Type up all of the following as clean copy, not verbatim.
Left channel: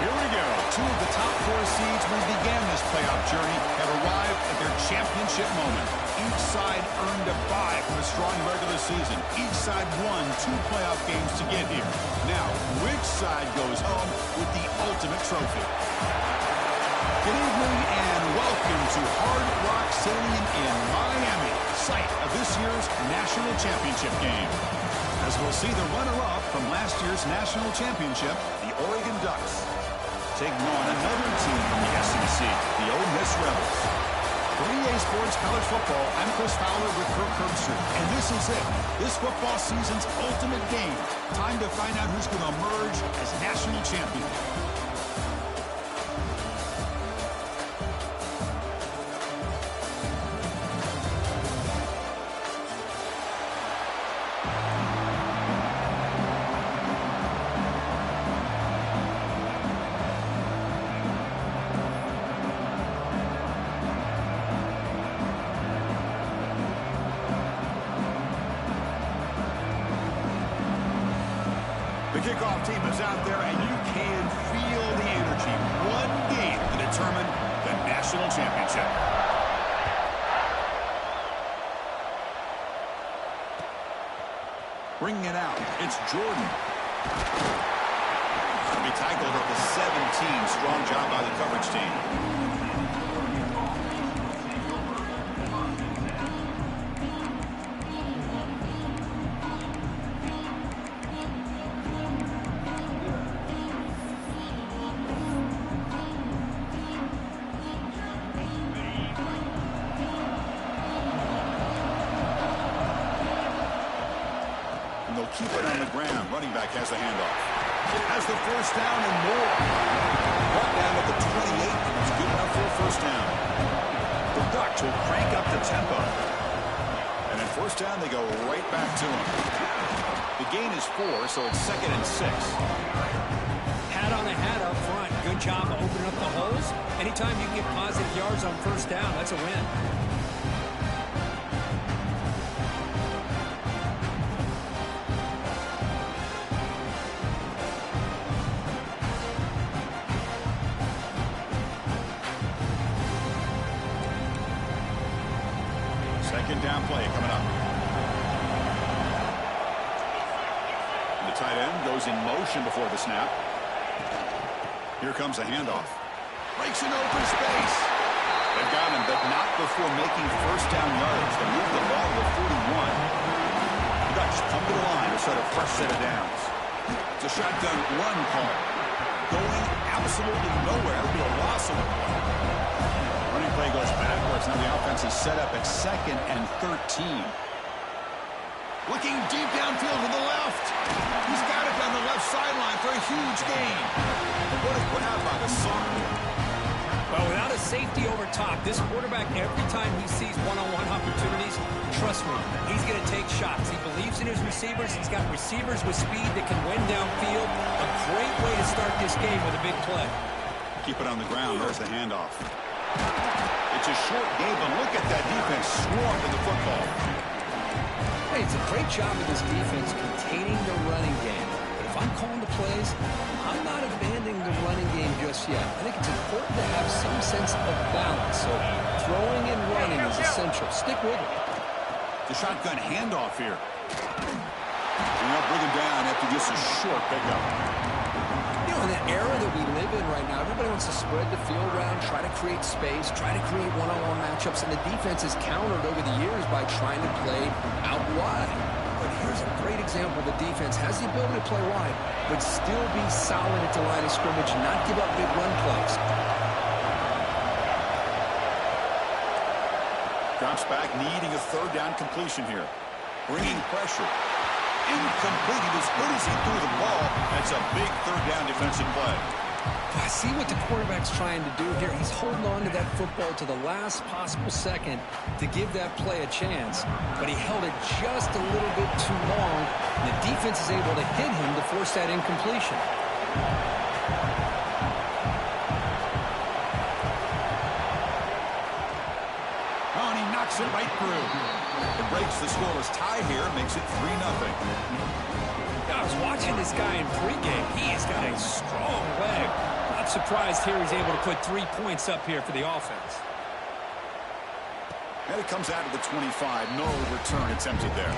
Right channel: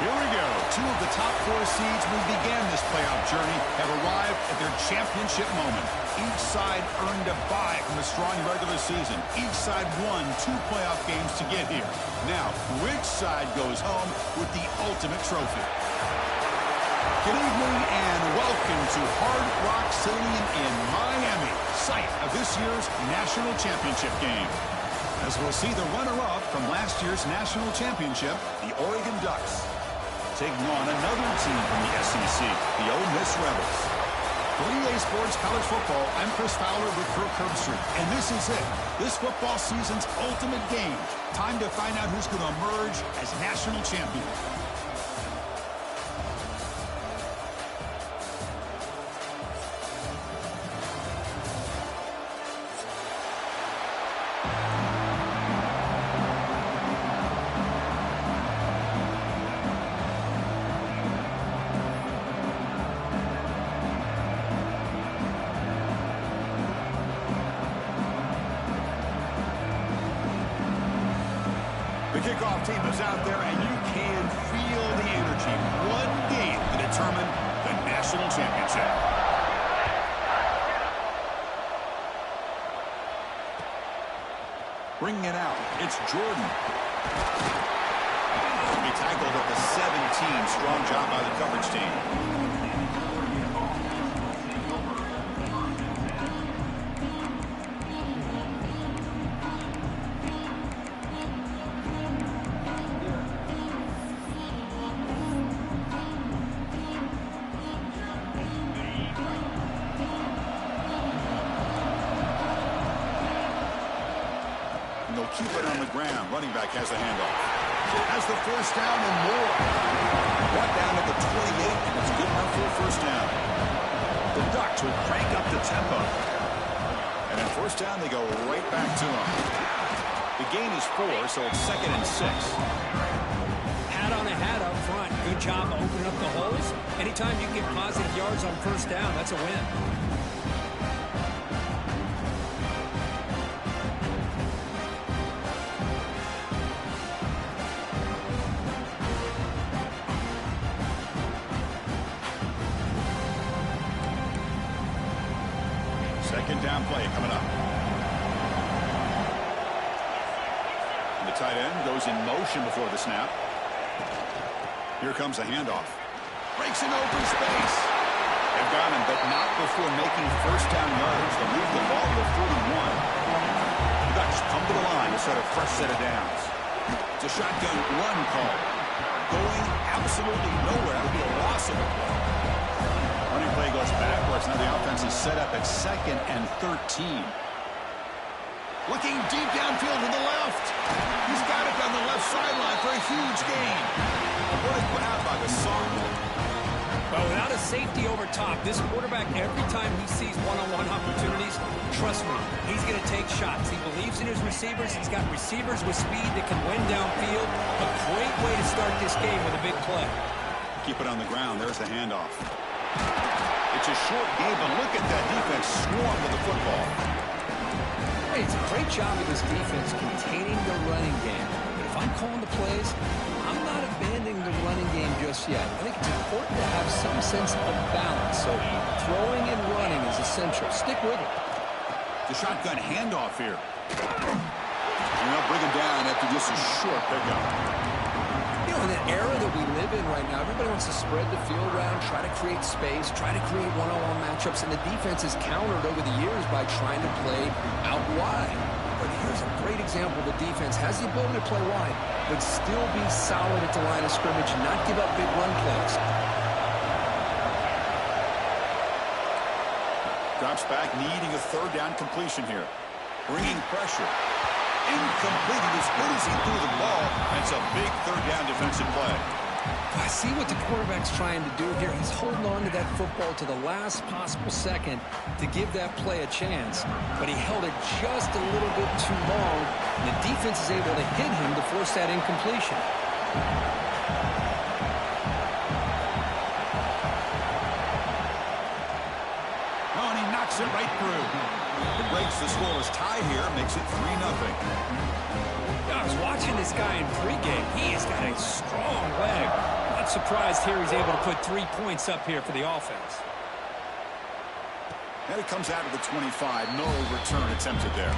Here we go. Two of the top four seeds when we began this playoff journey have arrived at their championship moment. Each side earned a bye from a strong regular season. Each side won 2 playoff games to get here. Now, which side goes home with the ultimate trophy? Good evening and welcome to Hard Rock Stadium in Miami, site of this year's national championship game. As we'll see the runner-up from last year's national championship, the Oregon Ducks, taking on another team from the SEC, the Ole Miss Rebels. For EA Sports College Football, I'm Chris Fowler with Kirk Herbstreit, and this is it. This football season's ultimate game. Time to find out who's going to emerge as national champion. The kickoff team is out there, and you can feel the energy. One game to determine the national championship. Bringing it out, it's Jordan. He tackled at the 17. Strong job by the coverage team. And they'll keep it on the ground. Running back has the handoff. Has the first down and more. Brought down at the 28, and it's good enough for a first down. The Ducks will crank up the tempo. And then first down, they go right back to him. The gain is 4, so it's 2nd and 6. Hat on a hat up front. Good job opening up the holes. Anytime you can get positive yards on first down, that's a win. Second down play coming up. The tight end goes in motion before the snap. Here comes a handoff. Breaks an open space. They've got him, but not before making first down yards. They move the ball to the 41. The Ducks come to the line to start a fresh set of downs. It's a shotgun run call. Going absolutely nowhere. That would be a loss of a play. Running play goes backwards. Now the offense is set up at 2nd and 13. Looking deep downfield to the left. He's got it down the left sideline for a huge gain. And what a grab by the Sergeant. Well, without a safety over top, this quarterback, every time he sees one-on-one opportunities, trust me, he's going to take shots. He believes in his receivers. He's got receivers with speed that can win downfield. A great way to start this game with a big play. Keep it on the ground. There's the handoff. It's a short game, but look at that defense swarm with the football. Hey, it's a great job of this defense containing the running game. But if I'm calling the plays, I'm not abandoning the running game just yet. I think it's important to have some sense of balance. So throwing and running is essential. Stick with it. The shotgun handoff here. And they'll bring him down after just a short pickup. You know, in the era that we live in right now, everybody wants to spread the field around, try to create space, try to create one-on-one matchups, and the defense has countered over the years by trying to play out wide. But here's a great example. The defense has the ability to play wide, but still be solid at the line of scrimmage, not give up big run plays. Drops back, needing a third down completion here. Bringing pressure. Incomplete. He was good as he threw the ball. That's a big third down defensive play. I see what the quarterback's trying to do here. He's holding on to that football to the last possible second to give that play a chance. But he held it just a little bit too long. And the defense is able to hit him to force that incompletion. Oh, and he knocks it right through. It breaks the scoreless tie here, makes it 3-0. I was watching this guy in pregame. He has got a strong leg. Not surprised here he's able to put 3 points up here for the offense. And it comes out to the 25. No return attempted there.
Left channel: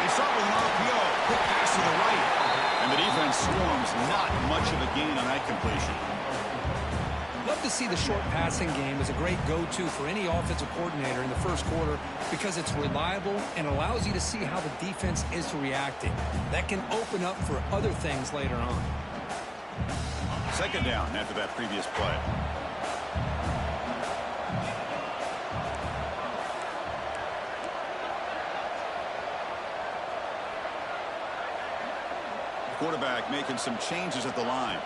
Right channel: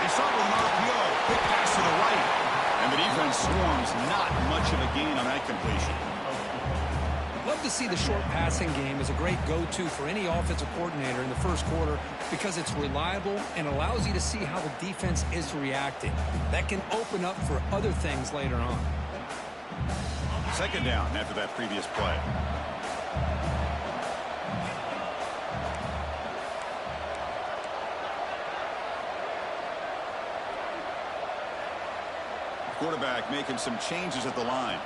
They start with an RPO. Quick pass to the right. And the defense swarms. Not much of a gain on that completion. Love to see the short passing game as a great go-to for any offensive coordinator in the first quarter because it's reliable and allows you to see how the defense is reacting. That can open up for other things later on. Second down after that previous play. Quarterback making some changes at the line.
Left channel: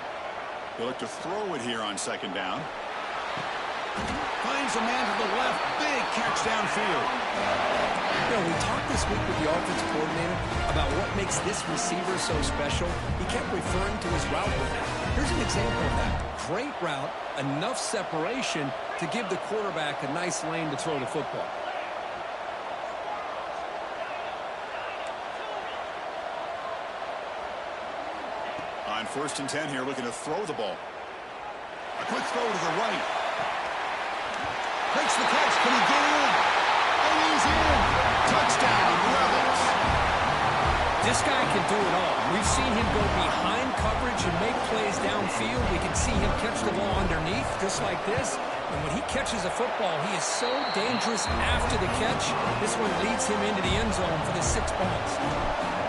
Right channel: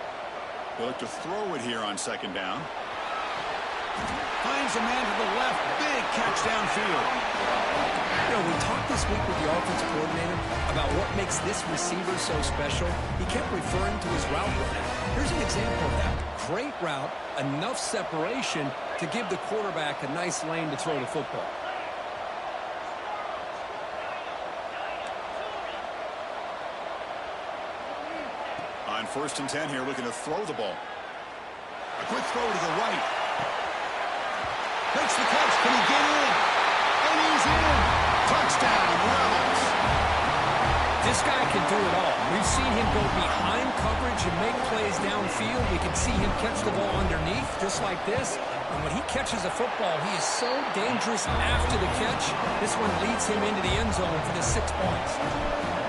He'll look to throw it here on second down. Finds a man to the left. Big catch downfield. You know, we talked this week with the offensive coordinator about what makes this receiver so special. He kept referring to his route with him. Here's an example of that. Great route, enough separation to give the quarterback a nice lane to throw the football. On 1st and 10 here, looking to throw the ball. A quick throw to the right. Makes the catch. Can he get in? And he's in. Touchdown, Rebels. This guy can do it all. We've seen him go behind coverage and make plays downfield. We can see him catch the ball underneath, just like this. And when he catches a football, he is so dangerous after the catch. This one leads him into the end zone for the 6 points.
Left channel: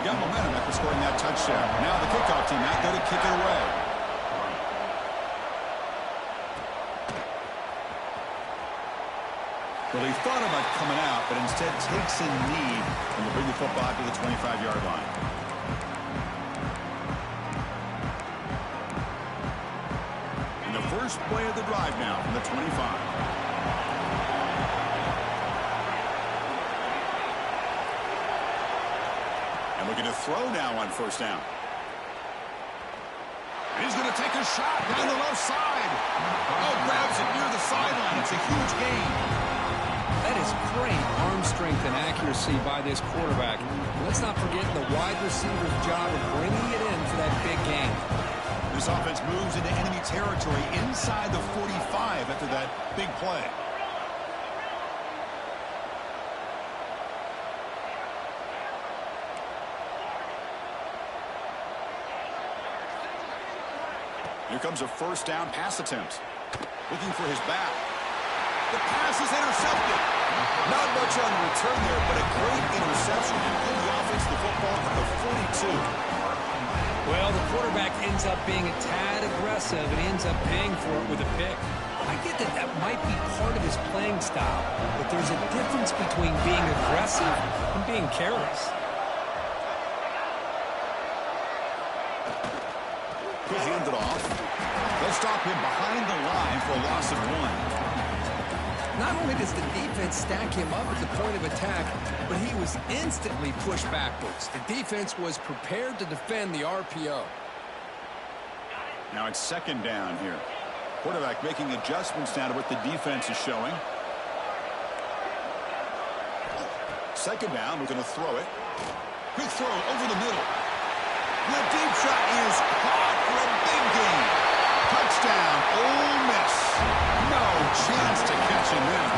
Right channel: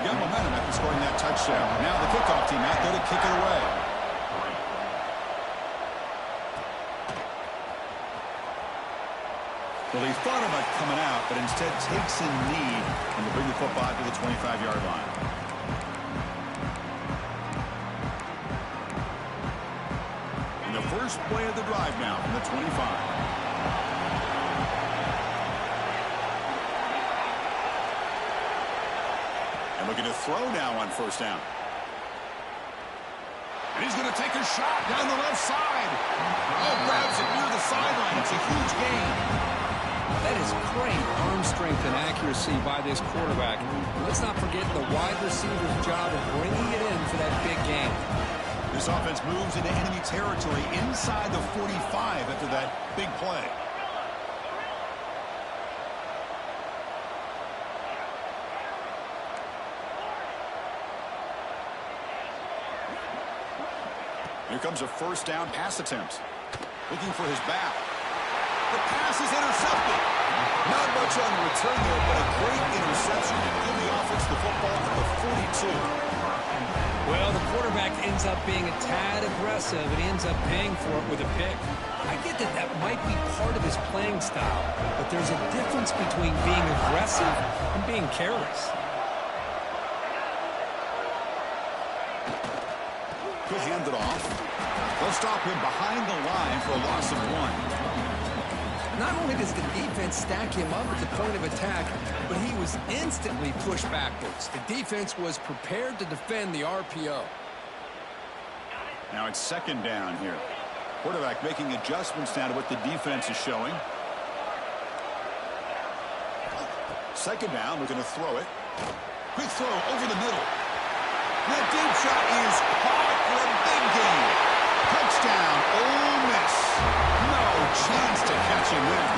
Got momentum after scoring that touchdown. Now the kickoff team out there to kick it away. Well, he thought about coming out, but instead takes a knee and will bring the football to the 25-yard line. And the first play of the drive now from the 25. And looking to throw now on 1st down. And he's going to take a shot down the left side. Oh, grabs it near the sideline. It's a huge gain. That is great arm strength and accuracy by this quarterback. Let's not forget the wide receiver's job of bringing it in for that big gain. This offense moves into enemy territory inside the 45 after that big play. Here comes a 1st down pass attempt. Looking for his back. The pass is intercepted. Not much on the return there, but a great interception to give the offense the football at the 42. Well, the quarterback ends up being a tad aggressive, and he ends up paying for it with a pick. I get that that might be part of his playing style, but there's a difference between being aggressive and being careless. He'll hand it off. They'll stop him behind the line for a loss of 1. Not only does the defense stack him up at the point of attack, but he was instantly pushed backwards. The defense was prepared to defend the RPO. Now it's 2nd down here. Quarterback making adjustments now to what the defense is showing. 2nd down, we're going to throw it. Quick throw over the middle. That deep shot is caught for a big gain. Touchdown, Ole Miss. No chance to catch him there.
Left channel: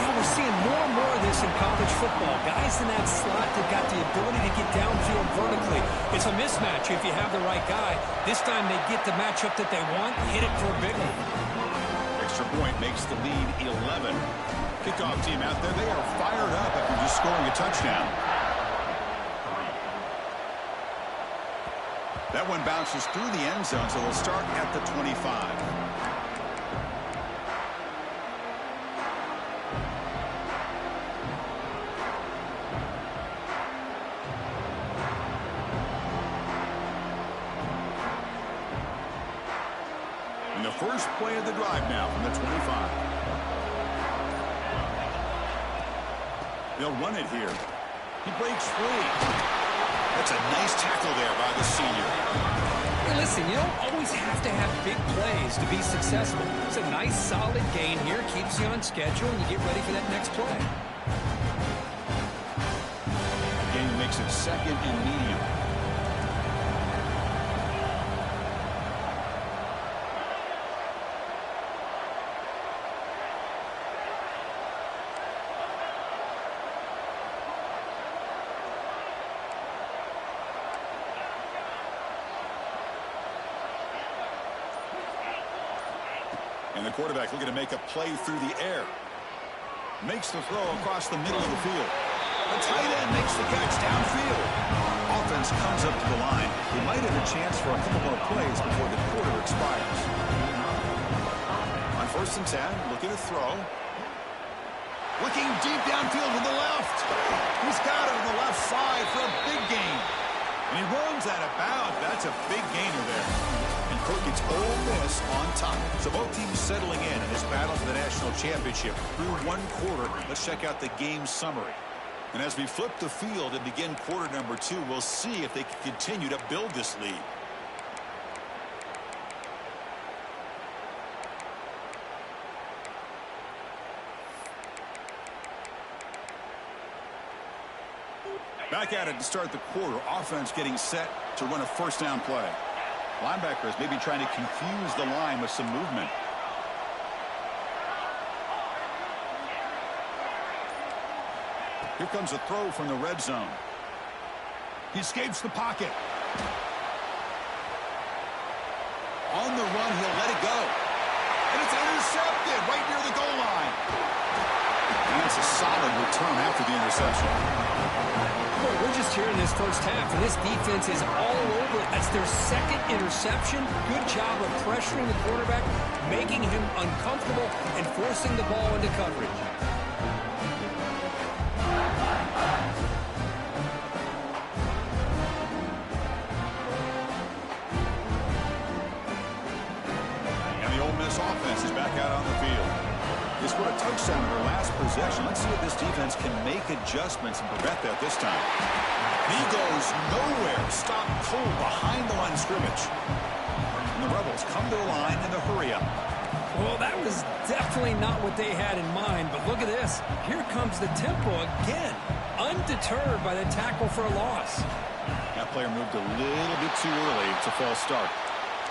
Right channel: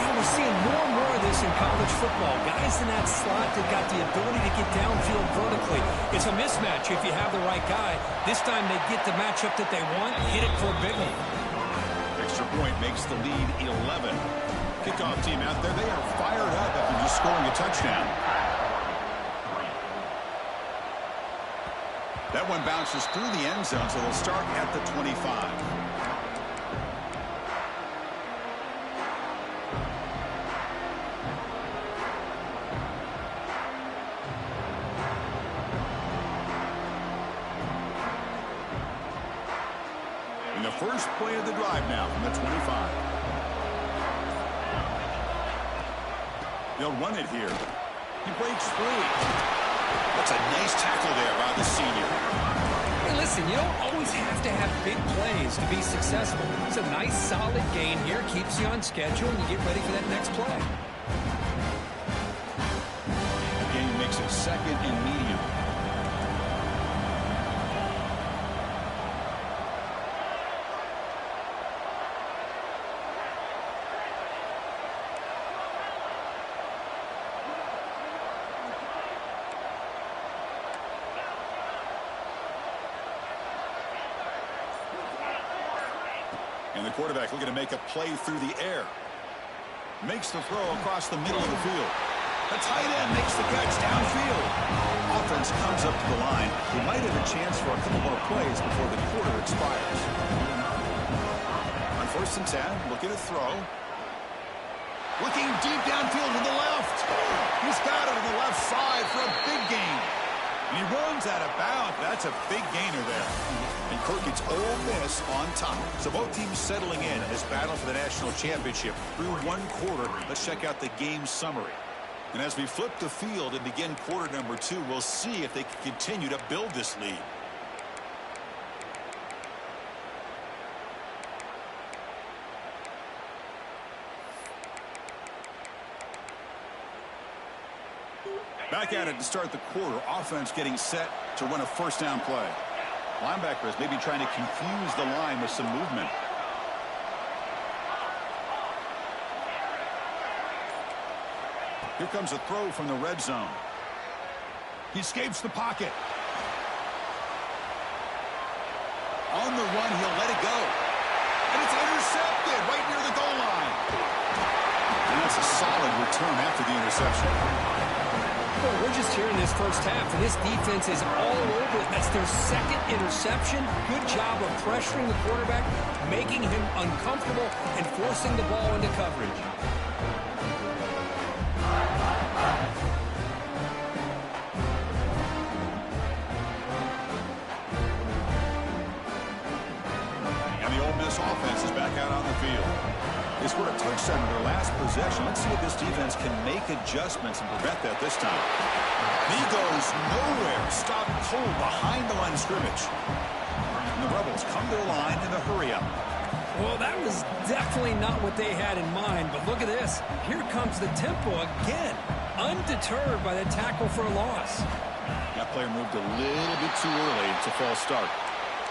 You know, we're seeing more and more of this in college football. Guys in that slot that got the ability to get downfield vertically. It's a mismatch if you have the right guy. This time they get the matchup that they want, hit it for a big one. Extra point makes the lead 11. Kickoff team out there, they are fired up after just scoring a touchdown. That one bounces through the end zone, so they'll start at the 25. First play of the drive now from the 25. They'll run it here. He breaks free. That's a nice tackle there by the senior. Hey, listen, you don't always have to have big plays to be successful. It's a nice, solid gain here. Keeps you on schedule, and you get ready for that next play. The gain makes it second and medium. And the quarterback looking to make a play through the air. Makes the throw across the middle of the field. The tight end makes the catch downfield. Offense comes up to the line. He might have a chance for a couple more plays before the quarter expires. On 1st and 10, looking to throw. Looking deep downfield to the left. He's got it on the left side for a big gain. And he runs out of bounds. That's a big gainer there. And Kirk gets Ole Miss on top. So both teams settling in this battle for the national championship through one quarter. Let's check out the game summary. And as we flip the field and begin quarter number 2, we'll see if they can continue to build this lead. Back at it to start the quarter. Offense getting set to run a first down play. Linebackers maybe trying to confuse the line with some movement. Here comes a throw from the red zone. He escapes the pocket. On the run, he'll let it go. And it's intercepted right near the goal line. And that's a solid return after the interception. Well, we're just here in this first half, and this defense is all over it. That's their second interception. Good job of pressuring the quarterback, making him uncomfortable, and forcing the ball into coverage. And the Ole Miss offense is back out on the field. They scored a touchdown in their last possession. Let's see if this defense can make adjustments and prevent that this time. And he goes nowhere. Stopped cold behind the line of scrimmage. And the Rebels come to the line in the hurry-up. Well, that was definitely not what they had in mind, but look at this. Here comes the tempo again, undeterred by the tackle for a loss. That player moved a little bit too early. It's a false start.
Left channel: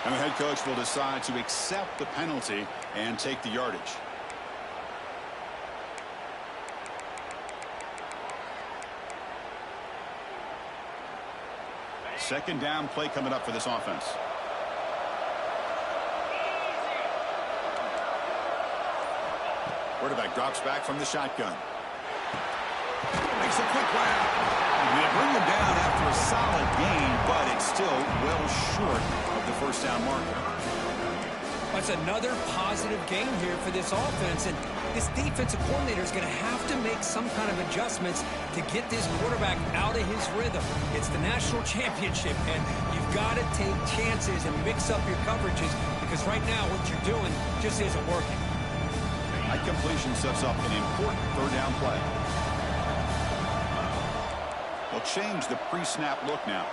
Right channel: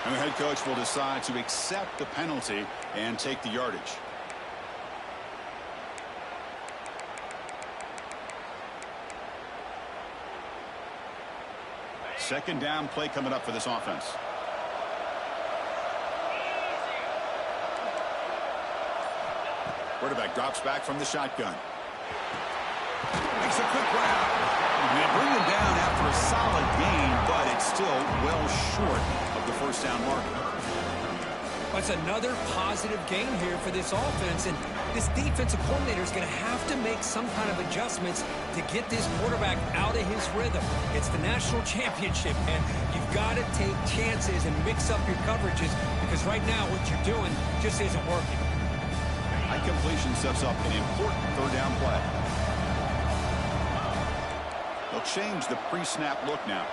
And the head coach will decide to accept the penalty and take the yardage. Second down play coming up for this offense. Quarterback drops back from the shotgun. Makes a quick grab. And they bring him down after a solid gain, but it's still well short of the first down marker. That's another positive gain here for this offense, and this defensive coordinator is going to have to make some kind of adjustments to get this quarterback out of his rhythm. It's the national championship, and you've got to take chances and mix up your coverages, because right now what you're doing just isn't working. High completion sets up an important third down play. They'll change the pre-snap look now.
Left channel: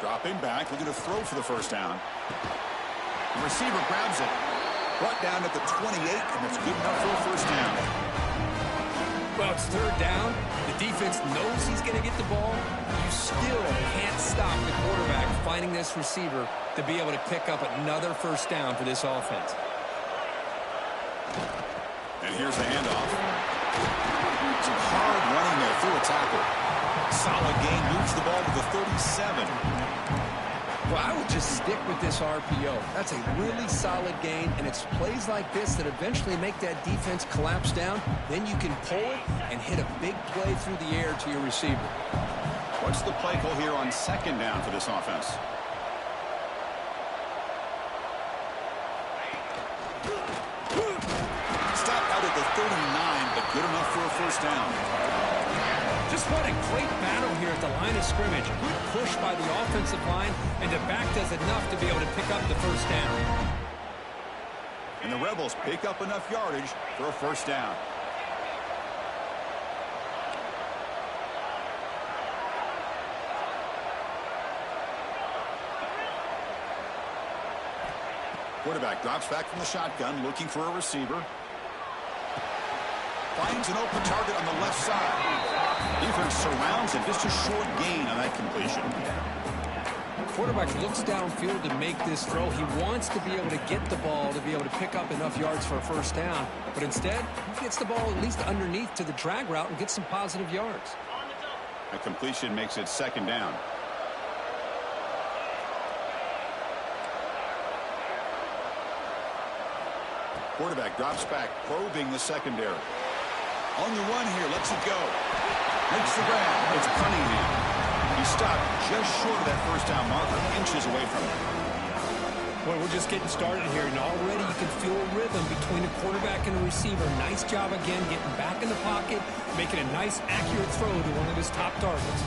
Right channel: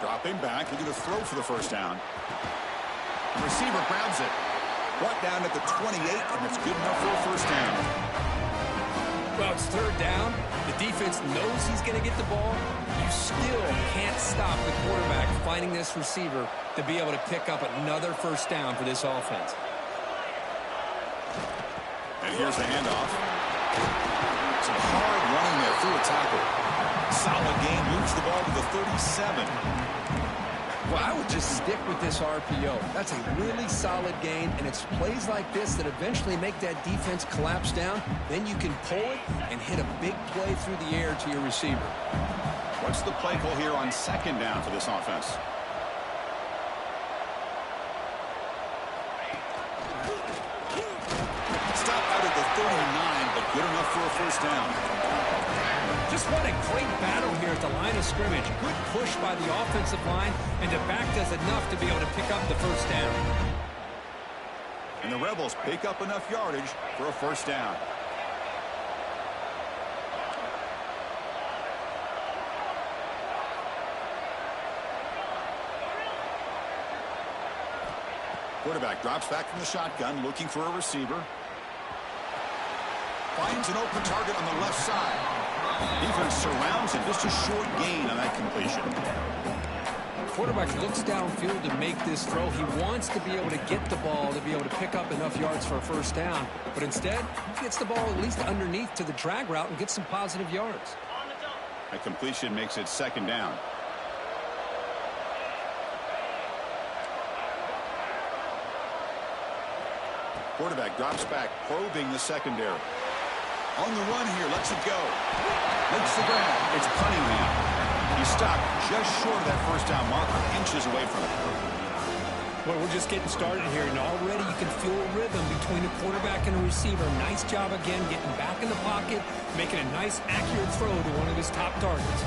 Dropping back, looking to throw for the first down. The receiver grabs it. Brought down at the 28, and that's good enough for a first down. Well, it's third down. The defense knows he's going to get the ball. You still can't stop the quarterback finding this receiver to be able to pick up another first down for this offense. And here's the handoff. Some hard running there through a tackle. Solid gain, moves the ball to the 37. Well, I would just stick with this RPO. That's a really solid gain, and it's plays like this that eventually make that defense collapse down. Then you can pull it and hit a big play through the air to your receiver. What's the play call here on second down for this offense? Stop out at the 39, but good enough for a first down. Just what a great battle here at the line of scrimmage. Good push by the offensive line, and the back does enough to be able to pick up the first down. And the Rebels pick up enough yardage for a first down. Quarterback drops back from the shotgun, looking for a receiver. Finds an open target on the left side. Defense surrounds him. Just a short gain on that completion. Quarterback looks downfield to make this throw. He wants to be able to get the ball to be able to pick up enough yards for a first down. But instead, he gets the ball at least underneath to the drag route and gets some positive yards. That completion makes it second down. Quarterback drops back, probing the secondary. On the run here, lets it go. Makes the grab. It's Cunningham. He stopped just short of that first down marker, inches away from it. Well, we're just getting started here, and already you can feel a rhythm between a quarterback and a receiver. Nice job again getting back in the pocket, making a nice, accurate throw to one of his top targets.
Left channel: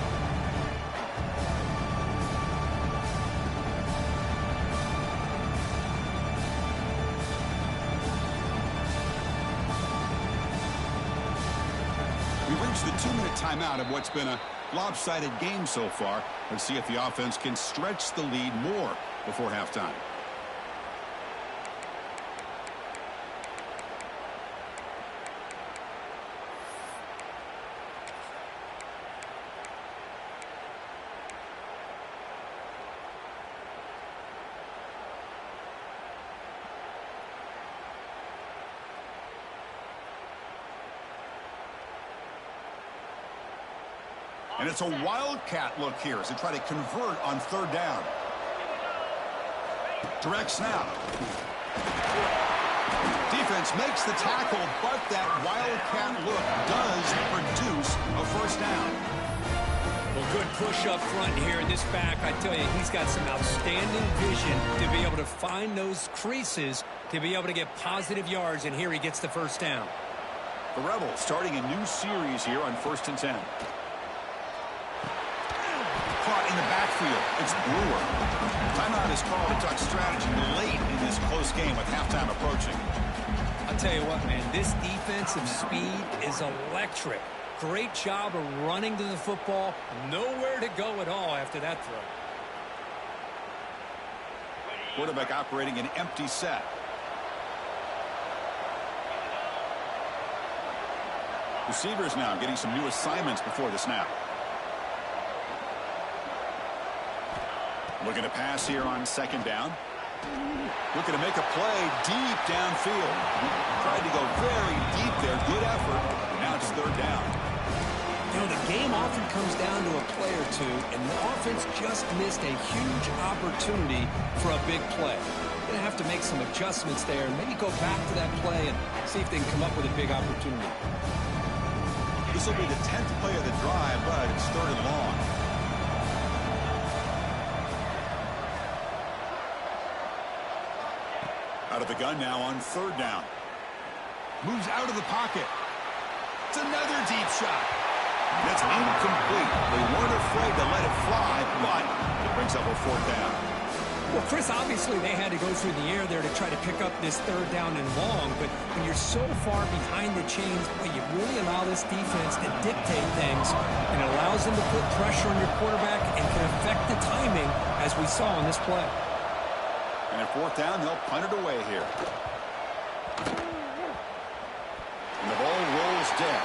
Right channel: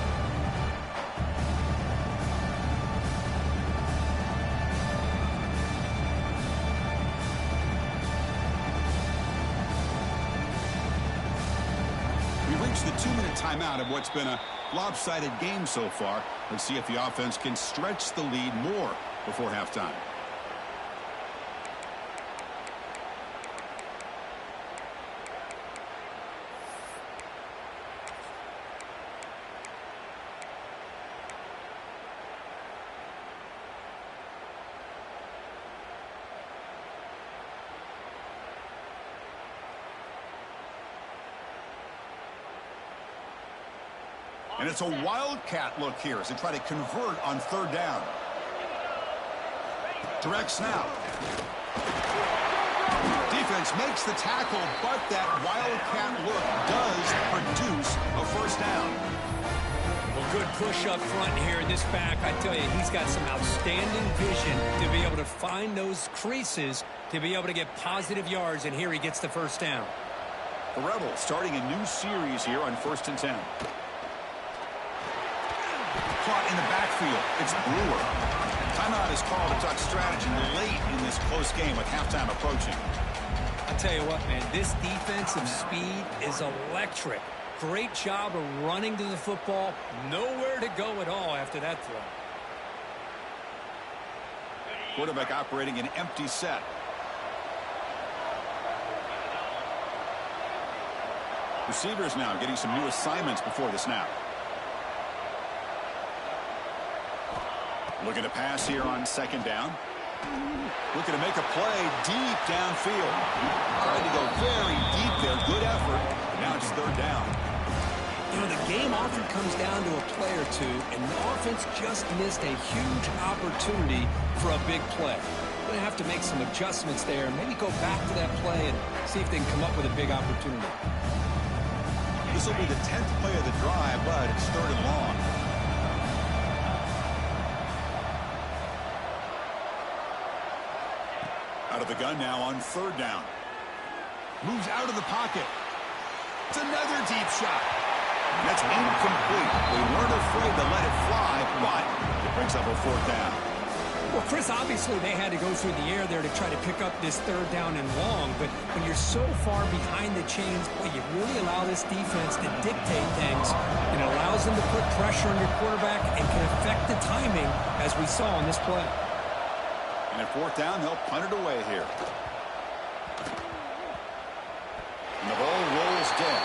We've reached the 2-minute timeout of what's been a lopsided game so far. Let's see if the offense can stretch the lead more before halftime. And it's a wildcat look here as they try to convert on third down. Direct snap. Defense makes the tackle, but that wildcat look does produce a first down. Well, good push up front here in this back. I tell you, he's got some outstanding vision to be able to find those creases, to be able to get positive yards, and here he gets the first down. The Rebels starting a new series here on 1st and 10. Caught in the backfield. It's Brewer. Timeout is called to talk strategy late in this close game with halftime approaching. I'll tell you what, man, this defensive speed is electric. Great job of running to the football. Nowhere to go at all after that throw. Quarterback operating an empty set. Receivers now getting some new assignments before the snap. Looking to pass here on second down. Looking to make a play deep downfield. Tried to go very deep there. Good effort. But now it's third down. You know, the game often comes down to a play or two, and the offense just missed a huge opportunity for a big play. Going to have to make some adjustments there and maybe go back to that play and see if they can come up with a big opportunity. This will be the 10th play of the drive, but it's third and long. Out of the gun now on third down. Moves out of the pocket. It's another deep shot. That's incomplete. They weren't afraid to let it fly, but it brings up a fourth down. Well, Chris, obviously they had to go through the air there to try to pick up this third down and long, but when you're so far behind the chains, boy, you really allow this defense to dictate things, and it allows them to put pressure on your quarterback and can affect the timing, as we saw in this play. And at fourth down, they'll punt it away here. And the ball rolls dead.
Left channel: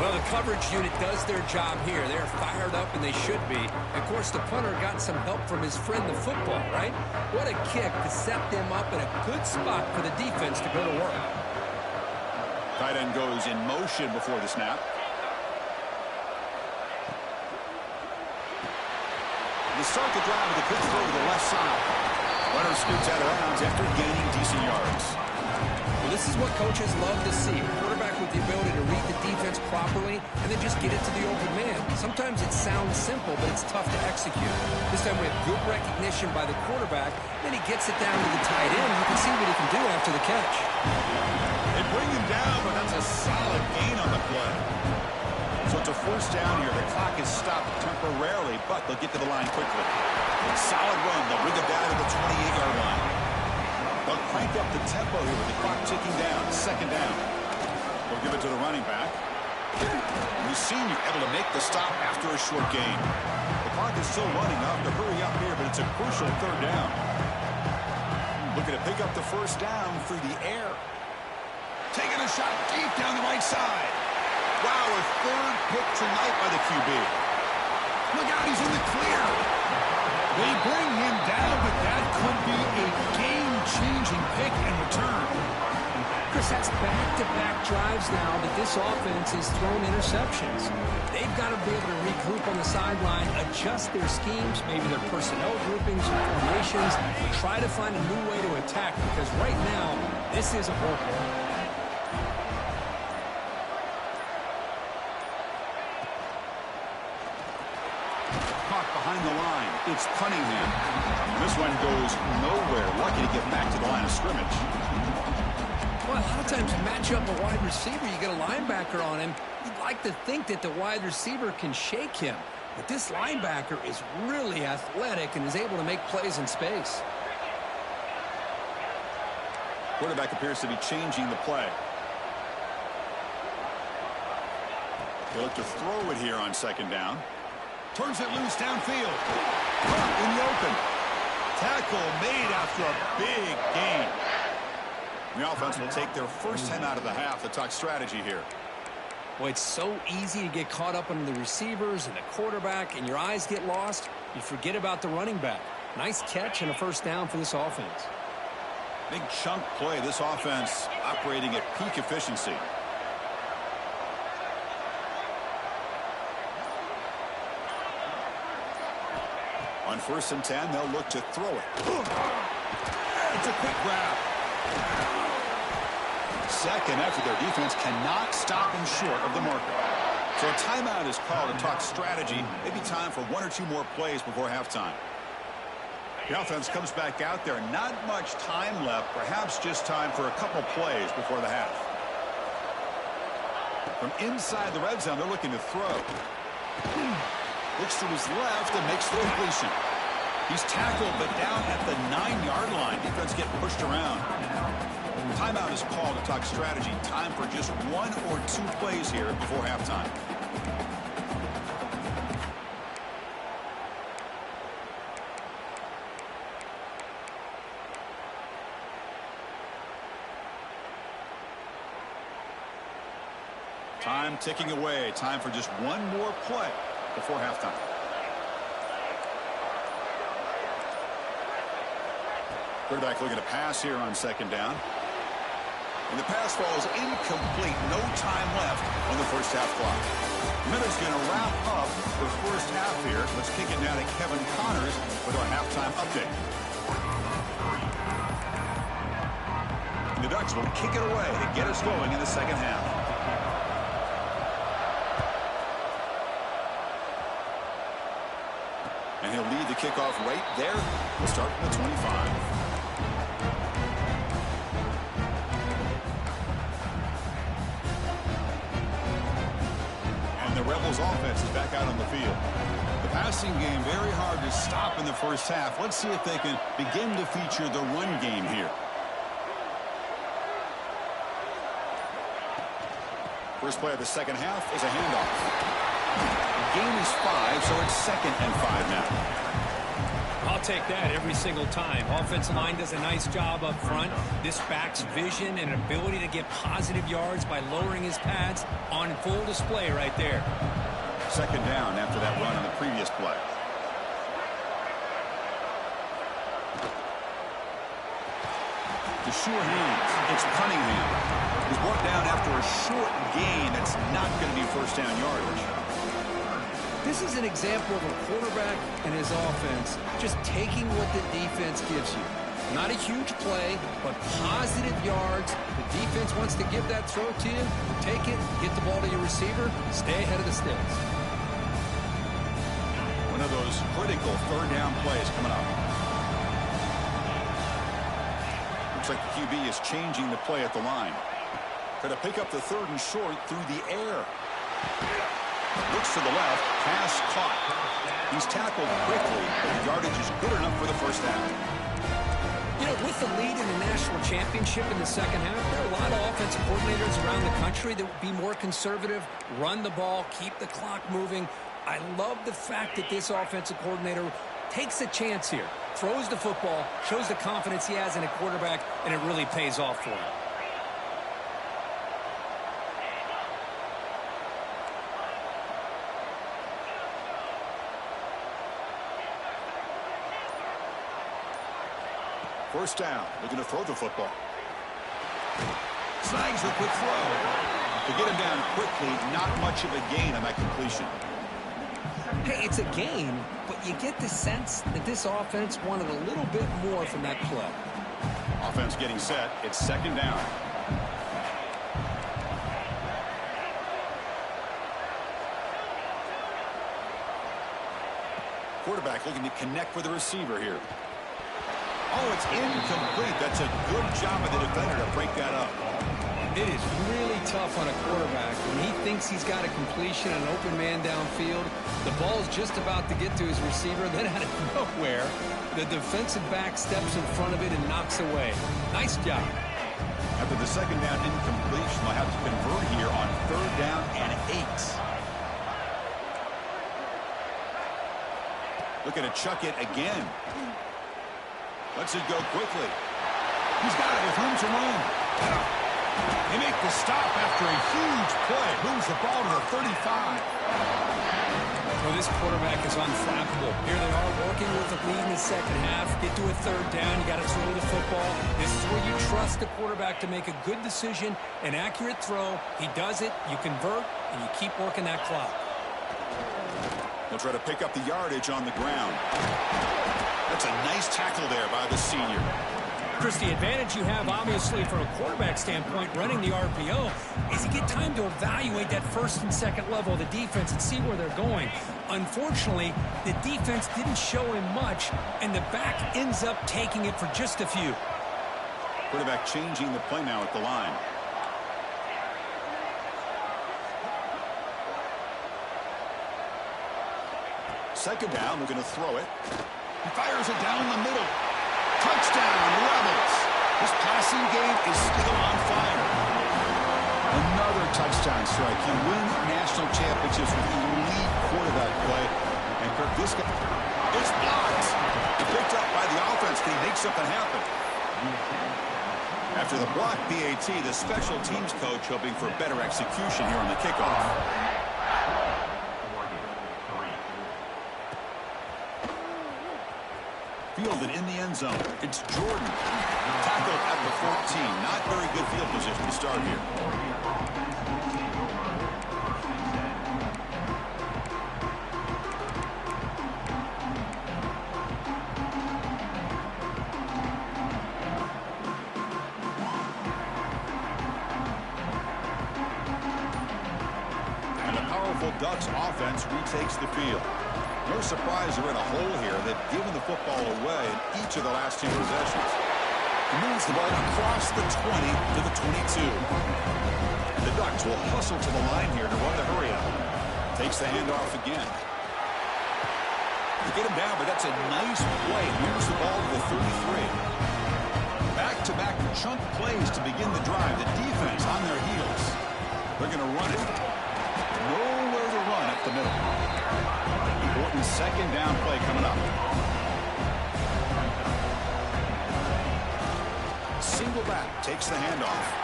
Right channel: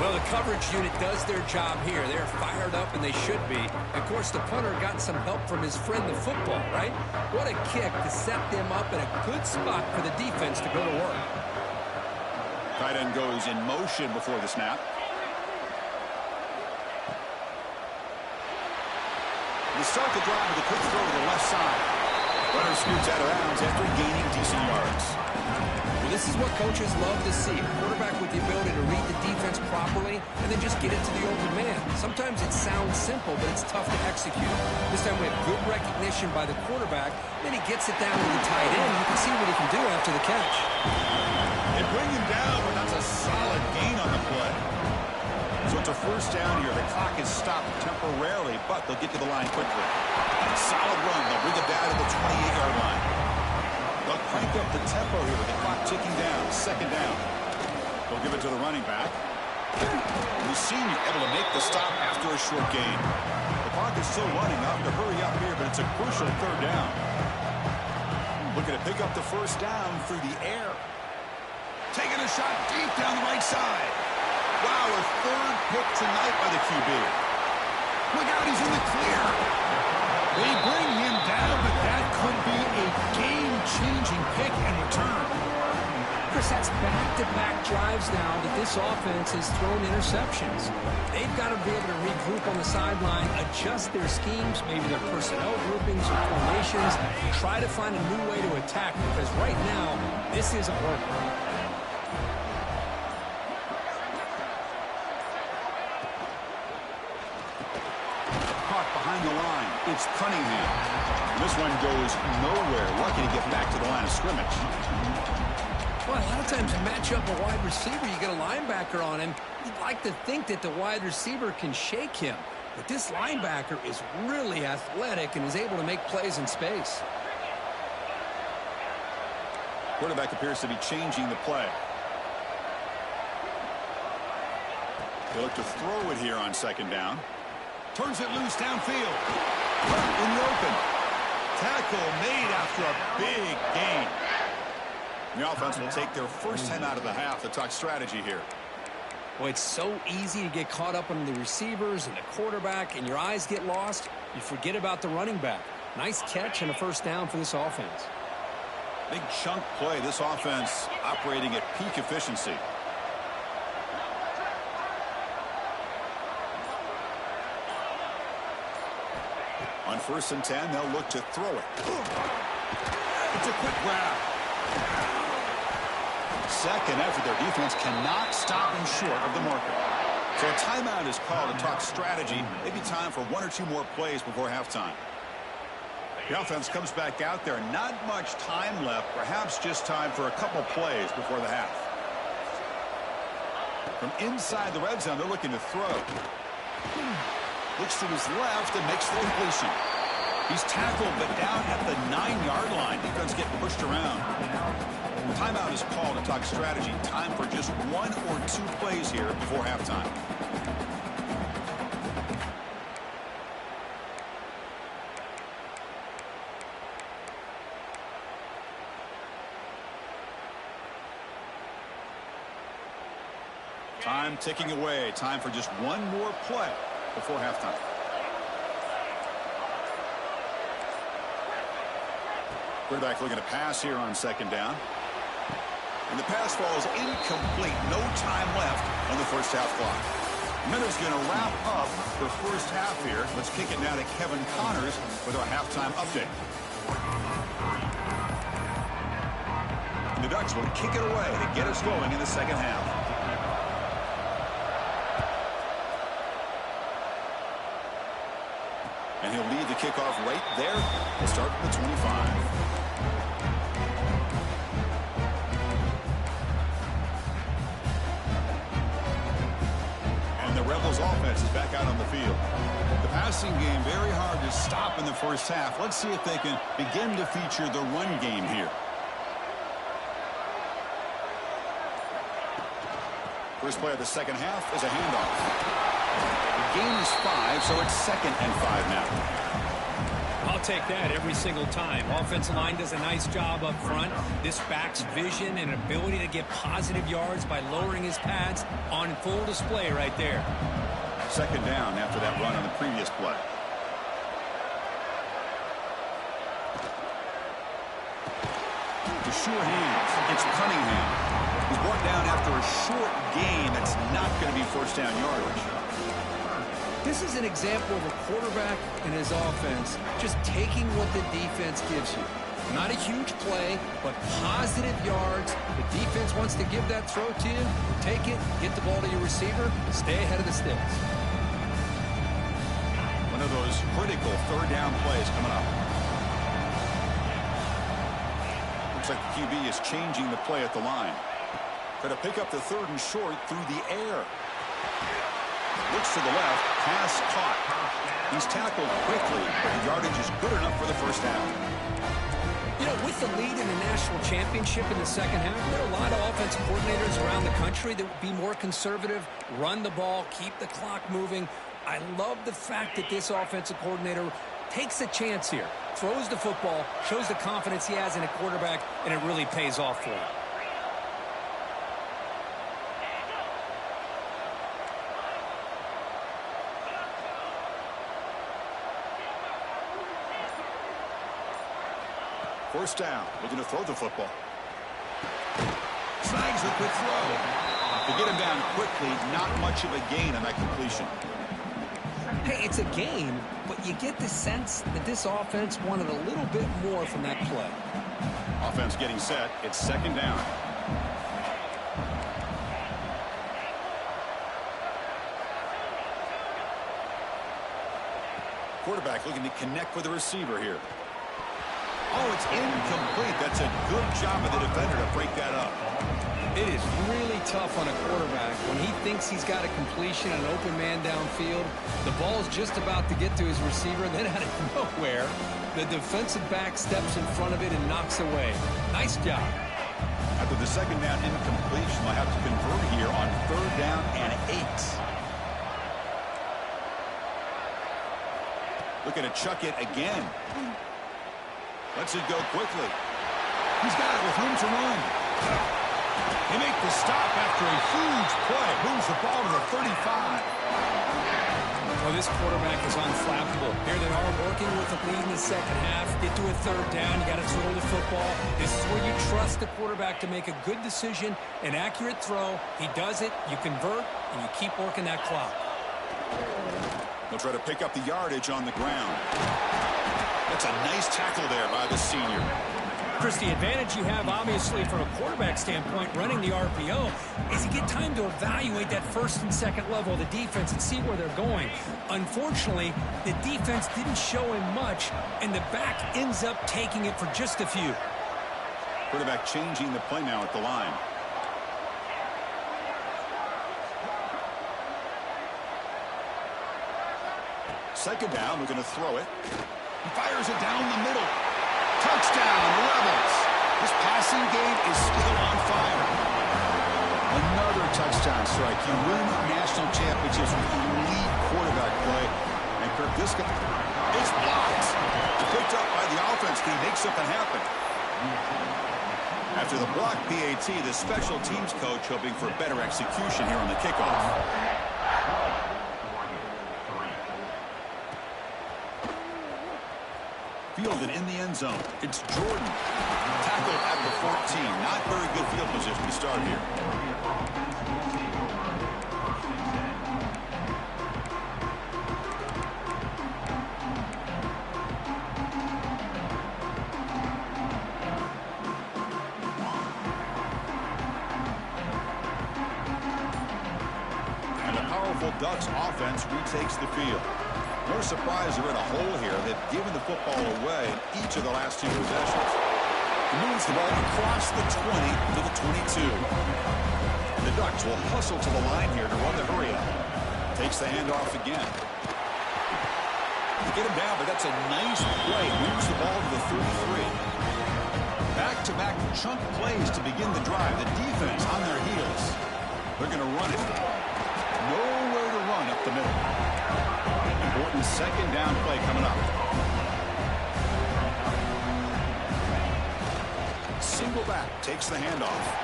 Well, the coverage unit does their job here. They're fired up, and they should be. Of course, the punter got some help from his friend, the football, right? What a kick to set them up in a good spot for the defense to go to work. Tight end goes in motion before the snap. They start the drive with a quick throw to the left side. Runner scoots out of bounds after gaining decent yards. Well, this is what coaches love to see. A quarterback with the ability to read the defense properly and then just get it to the open man. Sometimes it sounds simple, but it's tough to execute. This time we have good recognition by the quarterback. Then he gets it down to the tight end. You can see what he can do after the catch. They bring him down, but that's a solid gain on the play. So it's a first down here. The clock is stopped temporarily, but they'll get to the line quickly. Solid run. They'll bring it down to the 28-yard line. They'll crank up the tempo here with the clock ticking down. Second down. They'll give it to the running back. The senior able to make the stop after a short gain. The clock is still running. They'll have to hurry up here, but it's a crucial third down. Looking to pick up the first down through the air. Taking a shot deep down the right side. Wow, a third pick tonight by the QB. Look out, he's in the clear. They bring him down, but that could be a game-changing pick and return. Chris, that's back-to-back drives now that this offense has thrown interceptions. They've got to be able to regroup on the sideline, adjust their schemes, maybe their personnel groupings or formations, try to find a new way to attack, because right now, this isn't working. Caught behind the line. It's Cunningham. This one goes nowhere. Lucky to get back to the line of scrimmage. Well, a lot of times you match up a wide receiver, you get a linebacker on him. You'd like to think that the wide receiver can shake him. But this linebacker is really athletic and is able to make plays in space. Quarterback appears to be changing the play. They look to throw it here on second down. Turns it loose downfield. Caught in the open. Tackle made after a big gain. The offense will take their first 10 out of the half to talk strategy here. Well, it's so easy to get caught up on the receivers and the quarterback, and your eyes get lost. You forget about the running back. Nice catch and a first down for this offense. Big chunk play. This offense operating at peak efficiency. On 1st and 10, they'll look to throw it. It's a quick grab. Second effort, their defense cannot stop him short of the marker. So a timeout is called to talk strategy. Maybe time for 1 or 2 more plays before halftime. The offense comes back out there. Not much time left. Perhaps just time for a couple plays before the half. From inside the red zone, they're looking to throw. Looks to his left and makes the completion. He's tackled, but down at the 9-yard line. Defense getting pushed around. Timeout is called to talk strategy. Time for just 1 or 2 plays here before halftime. Time ticking away. Time for just 1 more play before halftime. Quarterback looking to pass here on second down. And the pass falls incomplete. No time left on the first half clock. Minutes going to wrap up the first half here. Let's kick it now to Kevin Connors with our halftime update. And the Ducks will kick it away to get us going in the second half. And he'll lead the kickoff right there. We'll start from the 25. And the Rebels offense is back out on the field. The passing game very hard to stop in the first half. Let's see if they can begin to feature the run game here. First play of the second half is a handoff. The gain is 5, so it's 2nd and 5 now. I'll take that every single time. Offensive line does a nice job up front. This back's vision and ability to get positive yards by lowering his pads on full display right there. 2nd down after that run on the previous play. The sure hands. It's Cunningham. He's brought down after a short gain. That's not going to be first down yardage. This is an example of a quarterback and his offense just taking what the defense gives you. Not a huge play, but positive yards. The defense wants to give that throw to you. You take it, get the ball to your receiver, stay ahead of the sticks. One of those critical third down plays coming up. Looks like the QB is changing the play at the line. Try to pick up the 3rd and short through the air. Looks to the left. Pass caught. He's tackled quickly, but the yardage is good enough for the first down. You know, with the lead in the national championship in the second half, there are a lot of offensive coordinators around the country that would be more conservative, run the ball, keep the clock moving. I love the fact that this offensive coordinator takes a chance here, throws the football, shows the confidence he has in a quarterback, and it really pays off for him. First down, looking to throw the football. Snags the quick throw. To get him down quickly, not much of a gain on that completion. Hey, it's a gain, but you get the sense that this offense wanted a little bit more from that play. Offense getting set. It's second down. Quarterback looking to connect with the receiver here. Oh, it's incomplete. That's a good job of the defender to break that up. It is really tough on a quarterback when he thinks he's got a completion and an open man downfield. The ball's just about to get to his receiver. Then out of nowhere, the defensive back steps in front of it and knocks away. Nice job. After the second down incompletion, they'll have to convert here on third down and 8. Looking to chuck it again. Lets it go quickly. He's got it with room to run. They make the stop after a huge play. Moves the ball to the 35. Well, this quarterback is unflappable. Here they are working with the lead in the second half. Get to a third down. You got to throw the football. This is where you trust the quarterback to make a good decision, an accurate throw. He does it, you convert, and you keep working that clock. They'll try to pick up the yardage on the ground. That's a nice tackle there by the senior. Chris, the advantage you have, obviously, from a quarterback standpoint, running the RPO, is you get time to evaluate that first and second level of the defense and see where they're going. Unfortunately, the defense didn't show him much, and the back ends up taking it for just a few. Quarterback changing the play now at the line. Second down, looking to throw it. He fires it down the middle. Touchdown, Rebels. This passing game is still on fire. Another touchdown strike. You win national championships with elite quarterback play. And Kirk, this guy, it's blocked. Picked up by the offense. Can he make something happen? After the block PAT, the special teams coach hoping for better execution here on the kickoff. Fielded in the end zone. It's Jordan. Tackled at the 14. Not very good field position to start here. And the powerful Ducks offense retakes the field. No surprise they're in a hole here. They've given the football away in each of the last 2 possessions. He moves the ball across the 20 to the 22. And the Ducks will hustle to the line here to run the hurry up. Takes the handoff again. They get him down, but that's a nice play. Moves the ball to the 33. Back-to-back chunk plays to begin the drive. The defense on their heels. They're going to run it. Nowhere to run up the middle. Important second down play coming up. Single back takes the handoff.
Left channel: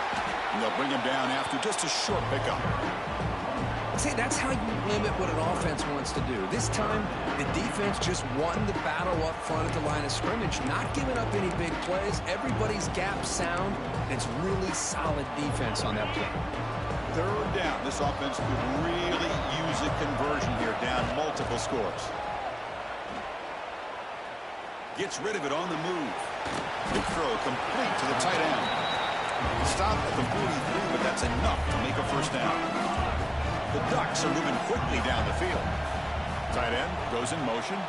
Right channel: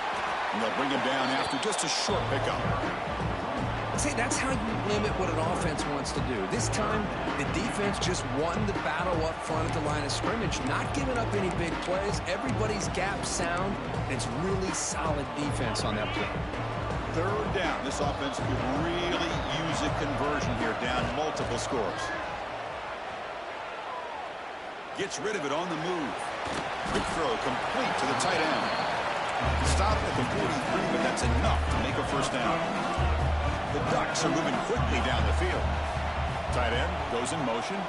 And they'll bring him down after just a short pickup. See, that's how you limit what an offense wants to do. This time, the defense just won the battle up front at the line of scrimmage, not giving up any big plays. Everybody's gap sound. It's really solid defense on that play. Third down. This offense could really use a conversion here, down multiple scores. Gets rid of it on the move. Quick throw complete to the tight end. Stop at the 43, but that's enough to make a first down. The Ducks are moving quickly down the field. Tight end goes in motion.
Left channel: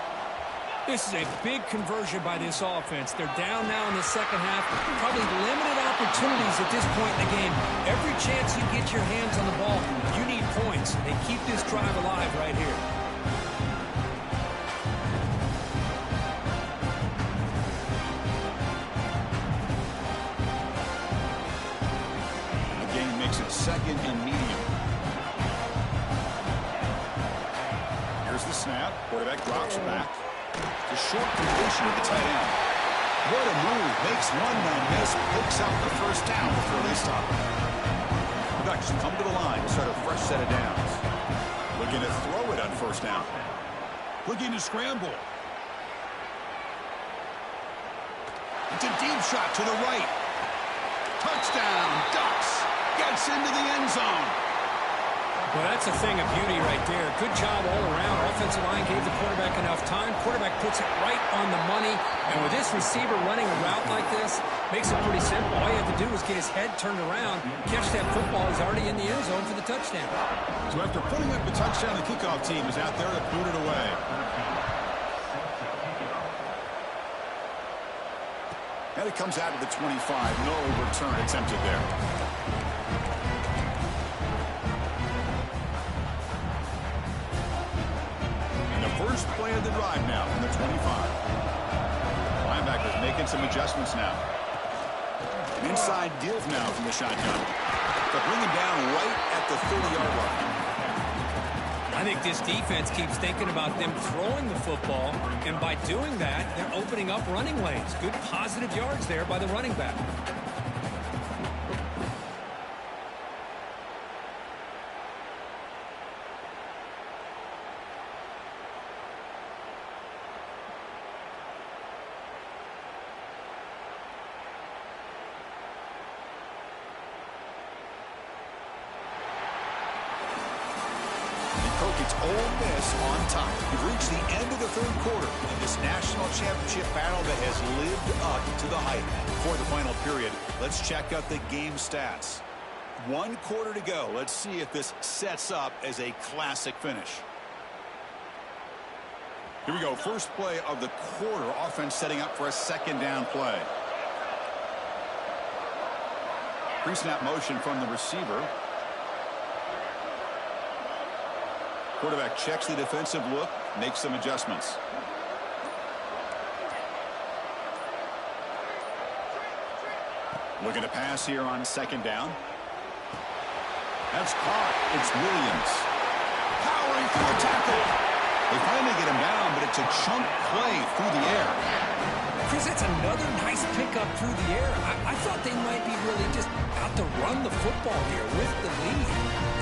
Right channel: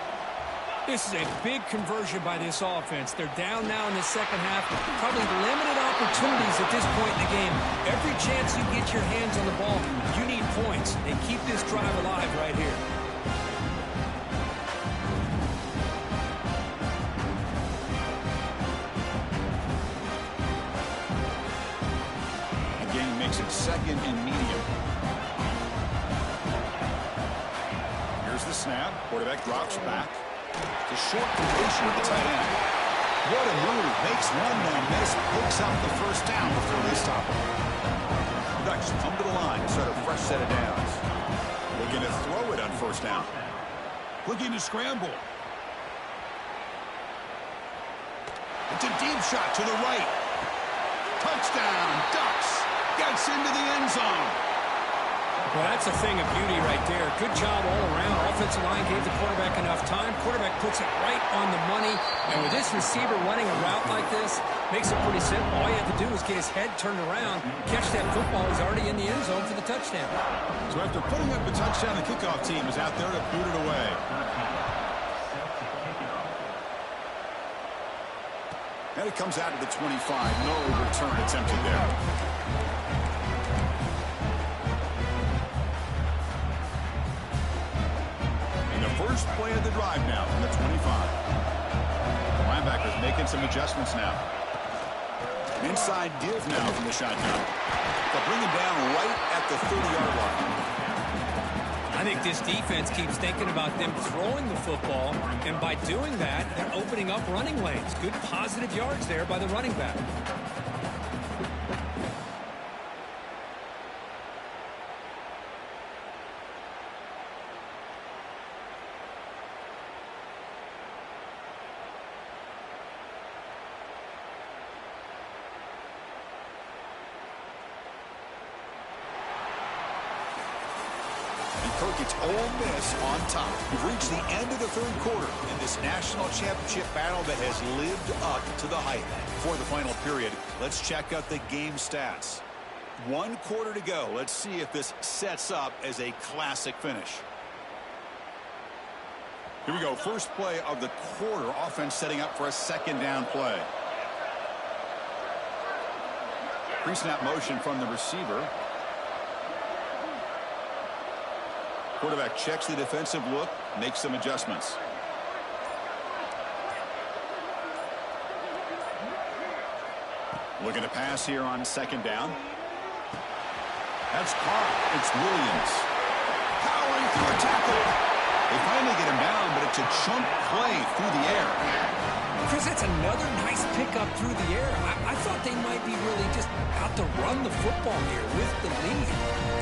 This is a big conversion by this offense. They're down now in the second half. Probably limited opportunities at this point in the game. Every chance you get your hands on the ball, you need points. They keep this drive alive right here. Again, makes it second and medium. Here's the snap. Quarterback drops back. The short completion of the tight end. What a move. Makes one man miss. Picks up the first down before they stop him. The Ducks come to the line to start a fresh set of downs. Looking to throw it on first down. Looking to scramble. It's a deep shot to the right. Touchdown, Ducks. Gets into the end zone. Well, that's a thing of beauty right there. Good job all around. Offensive line gave the quarterback enough time. Quarterback puts it right on the money. And with this receiver running a route like this, makes it pretty simple. All you have to do is get his head turned around, catch that football. He's already in the end zone for the touchdown. So after putting up the touchdown, the kickoff team is out there to boot it away. And it comes out to the 25. No return attempted there. First play of the drive now from the 25. Linebackers making some adjustments now. An inside give now from the shotgun. They'll bring him down right at the 30-yard line. I think this defense keeps thinking about them throwing the football, and by doing that, they're opening up running lanes. Good positive yards there by the running back. It's Ole Miss on top. We've reached the end of the third quarter in this national championship battle that has lived up to the hype. For the final period, let's check out the game stats. 1 quarter to go. Let's see if this sets up as a classic finish. Here we go. First play of the quarter. Offense setting up for a second down play. Pre-snap motion from the receiver. Quarterback checks the defensive look, makes some adjustments. Looking to pass here on second down. That's caught. It's Williams. Powering through a tackle. They finally get him down, but it's a chunk play through the air. Chris, that's another nice pickup through the air. I thought they might be really just out to run the football here with the lead.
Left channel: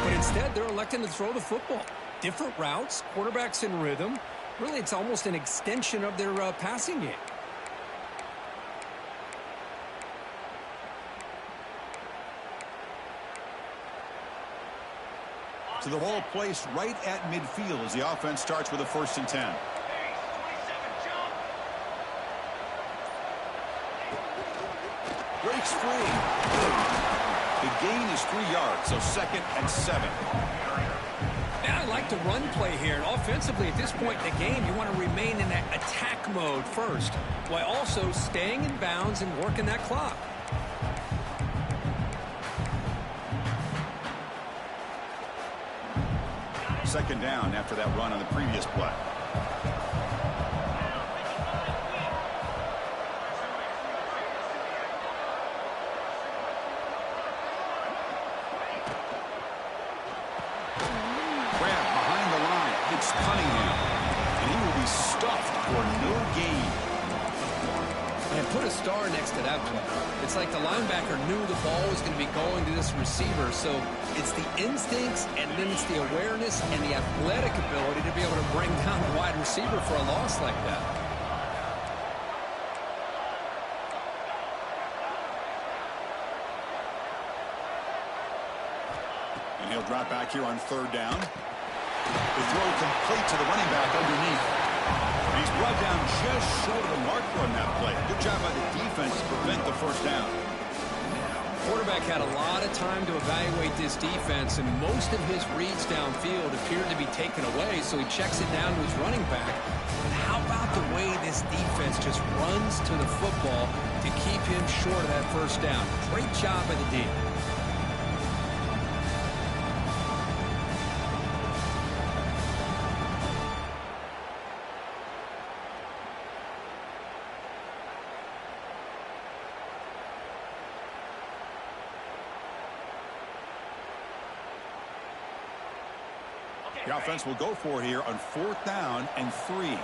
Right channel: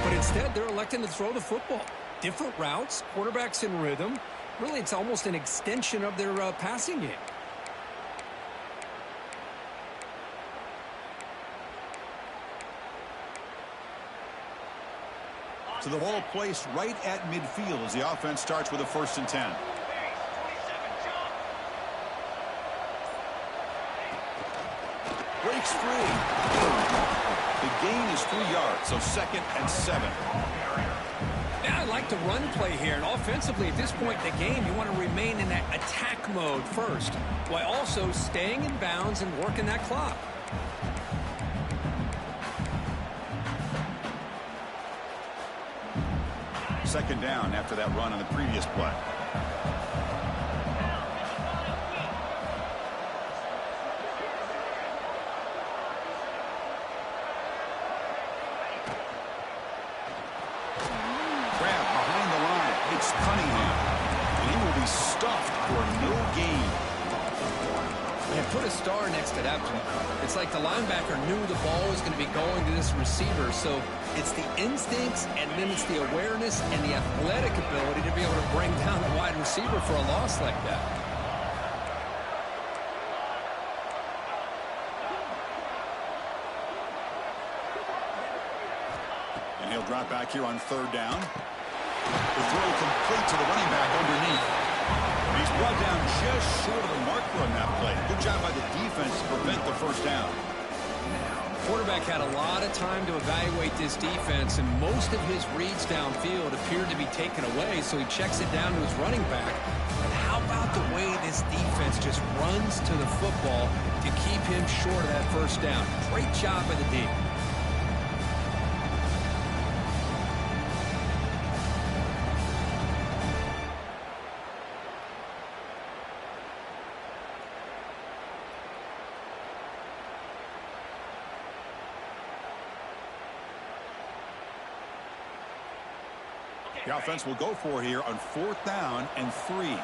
But instead, they're electing to throw the football. Different routes, quarterbacks in rhythm. Really, it's almost an extension of their passing game. So the ball placed right at midfield as the offense starts with a 1st and 10. Breaks free. The gain is 3 yards, so 2nd and 7. Yeah, I like the run play here. And offensively, at this point in the game, you want to remain in that attack mode first, while also staying in bounds and working that clock. Second down after that run on the previous play. It's Cunningham, and he will be stuffed for no gain. Man, put a star next to that play. It's like the linebacker knew the ball was going to be going to this receiver, so it's the instincts, and then it's the awareness and the athletic ability to be able to bring down a wide receiver for a loss like that. And he'll drop back here on 3rd down. The throw complete to the running back underneath. And he's brought down just short of the marker on that play. Good job by the defense to prevent the 1st down. Quarterback quarterback had a lot of time to evaluate this defense, and most of his reads downfield appeared to be taken away, so he checks it down to his running back. And how about the way this defense just runs to the football to keep him short of that first down? Great job by the D. The offense will go for here on 4th down and 3.